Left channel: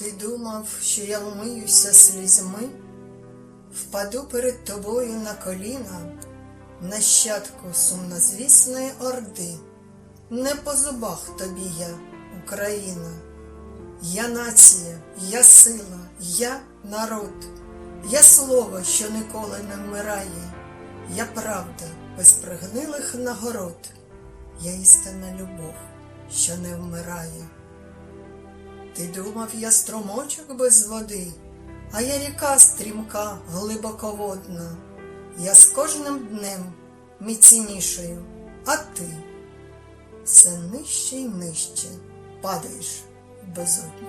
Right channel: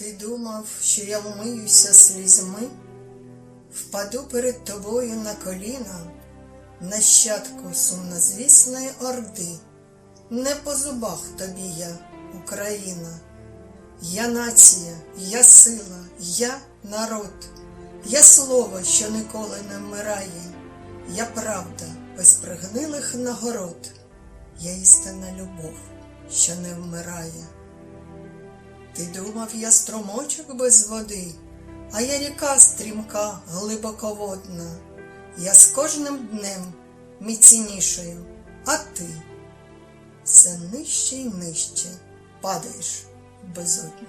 Ти думав, що я вмиюся слізьми, впаду перед тобою на коліна, нащадку сумнозвісної орди, не по зубах тобі я, Україна, я нація, я сила, я народ, я слово, що ніколи не вмирає, я правда без пригнилих нагород, я істинна любов, що не вмирає. Ти думав, я струмочок без води, а я ріка стрімка, глибоководна. Я з кожним днем міцнішою, а ти все нижче й нижче падаєш безодню.